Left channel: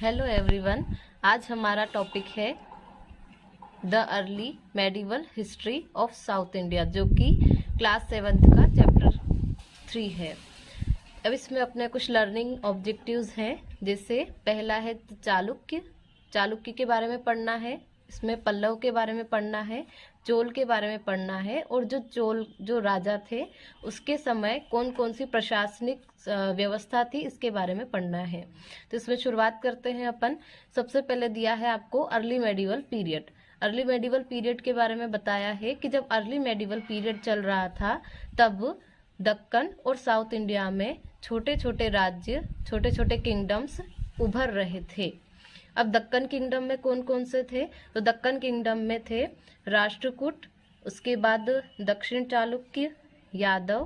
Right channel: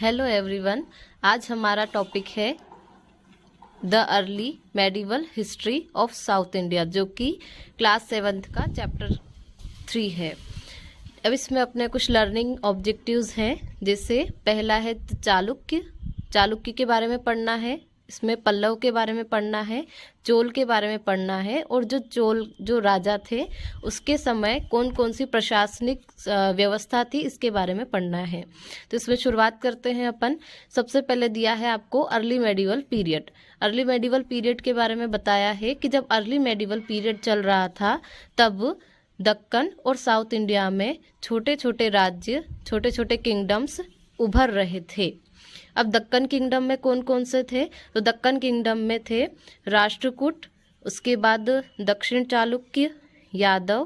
Hello everyone. आज हमारा topic है the early medieval history of south India, जो कि क्लास 7 का चैप्टर 3 है। अब इसमें अपने कुछ लर्निंग ऑब्जेक्टिव्स हैं, जैसे पहला है चालुक्य के बारे में पढ़ना है, इसमें पल्लव के बारे में पढ़ना है, चोल के बारे में पढ़ना है, और जो राजा थे उसके समय कौन कौन सी प्रशासनिक व्यवस्था थी इसके बारे में पढ़ना है। तो इसमें शुरुआत करते हैं अपन। सबसे पहले दिया है आपको early medieval period. Early medieval period के बारे में बताया है कि जब अर्ली मेडिवल पीरियड चल रहा था तब दक्कन और साउथ इंडिया में छोटे छोटे राज्य, छोटे छोटे किंगडम्स उभर रहे थे। अब दक्कन किंगडम में कौन कौन से थे? तो दक्कन किंगडम में थे राष्ट्रकूट, उसके बाद दक्षिण चालुक्य, यादव,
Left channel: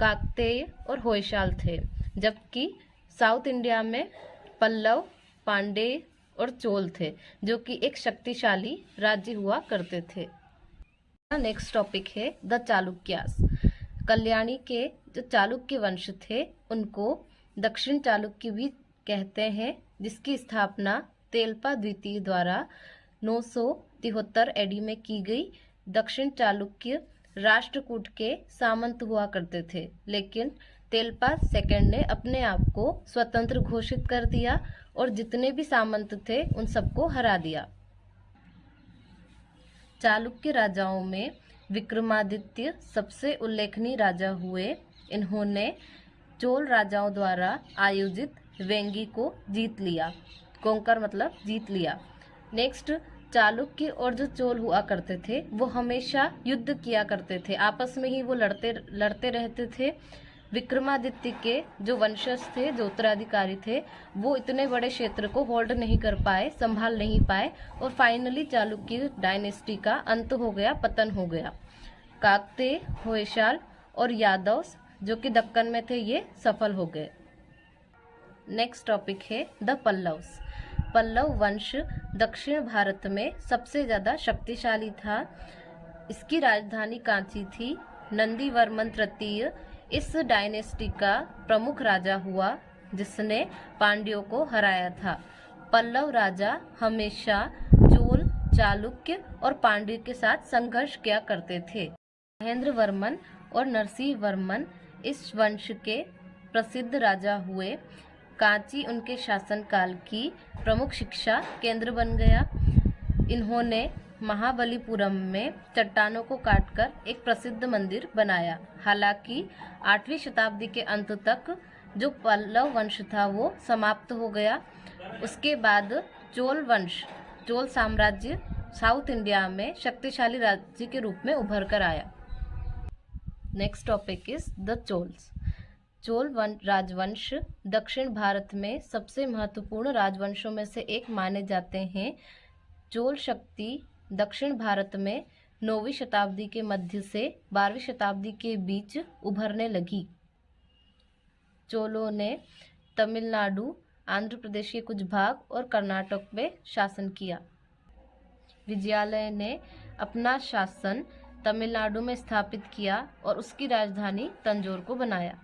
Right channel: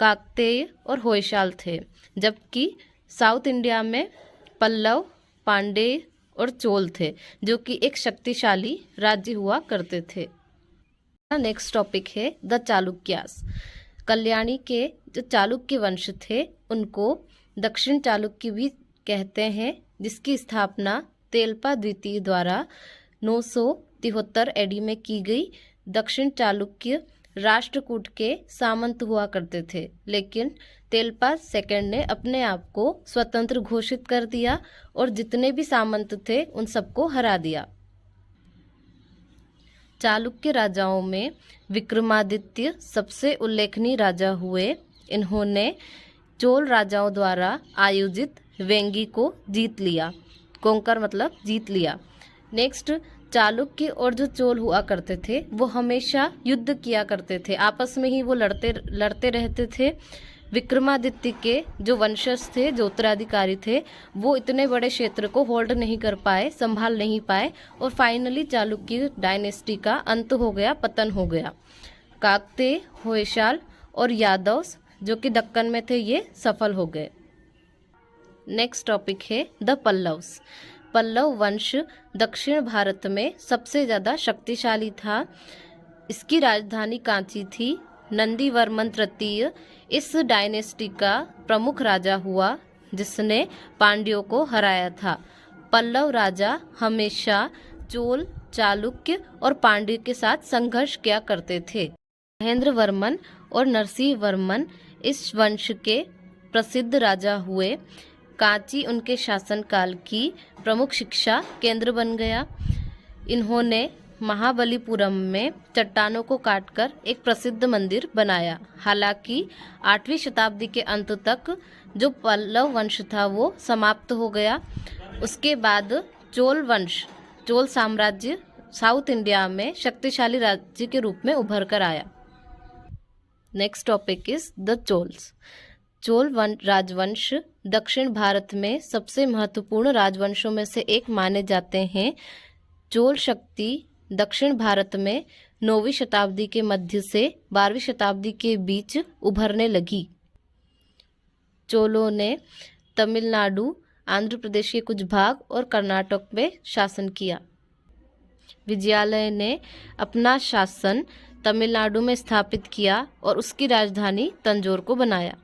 काकतीय और होयसाल थे। जबकि साउथ इंडिया में पल्लव, पांड्य और चोल थे, जो कि एक शक्तिशाली राज्य हुआ करते थे। नेक्स्ट टॉपिक है द चालुक्यास। कल्याणी के जो चालुक्य वंश थे उनको दक्षिण चालुक्य भी कहते हैं, जिसकी स्थापना तेलपा द्वितीय द्वारा 973 एडी में की गई। दक्षिण चालुक्य राष्ट्रकूट के सामंत हुआ करते थे, लेकिन तेलपा सेकंड ने अपने आप को स्वतंत्र घोषित कर दिया और जितने भी सामंत थे उन सबको हरा दिया। चालुक्य राजाओं में विक्रमादित्य सबसे उल्लेखनीय राजा हुए। इन्होंने चोल राजाओं द्वारा आयोजित वेंगी को जीत लिया। कोंकर मतलब जीत लिया। नेक्स्ट, चालुक्य और जो चोल हुआ करते थे वो हमेशा युद्ध किया करते थे, आपस में ही वो लड़ते रहते थे। विक्रमादित्य के जो वंशज थे, जो उत्तराधिकारी थे, वो इतने बड़े क्षेत्र को होल्ड नहीं कर पाए, संभाल नहीं पाए, और फाइनली चालुक्य डायनेस्टी का अंत हो गया, पतन हो गया। काकतीय, होयसाल और यादव जो कि दक्कन में थे, ये सफल हो गए। नेक्स्ट टॉपिक है द पल्लव्स। पल्लव वंश दक्षिण भारत में सबसे ज़्यादा शक्तिशाली था। इसकी राजधानी कांची थी। नंदीवर्मन तृतीय इस डायनेस्टी का प्रमुख राजा हुआ, जिसने पांड्यों को हराया था। पल्लव राजा हमेशा चोल, चालुक्य और पांड्य के साथ संघर्ष किया करते थे। महेंद्र वर्मन और नरसिंह वर्मन इस वंश के प्रसिद्ध राजा हुए। कांची उनके शासनकाल की प्रमुख शिक्षा केंद्र बन गया। इन्होंने महाबलीपुरम में चट्टानों को काटकर एक प्रसिद्ध मंदिर बनाया। हालांकि 8वीं शताब्दी के अंत तक जो पल्लव वंश था वो समाप्त हो गया। उसके बाद चोल साम्राज्य साउथ इंडिया में शक्तिशाली राज्य के रूप में उभर कर आया। Next topic is the Cholas. Chola राजवंश दक्षिण भारत में सबसे महत्वपूर्ण राजवंशों में से एक माने जाते हैं। चोल शक्ति दक्षिण भारत में 9वीं शताब्दी के मध्य से 12वीं शताब्दी के बीच उभरने लगी। चोलों ने तमिलनाडु, आंध्र प्रदेश के कुछ भाग और कर्नाटक में शासन किया। विजयालय ने अपना शासन तमिलनाडु में स्थापित किया और उसकी राजधानी तंजौर को बनाया।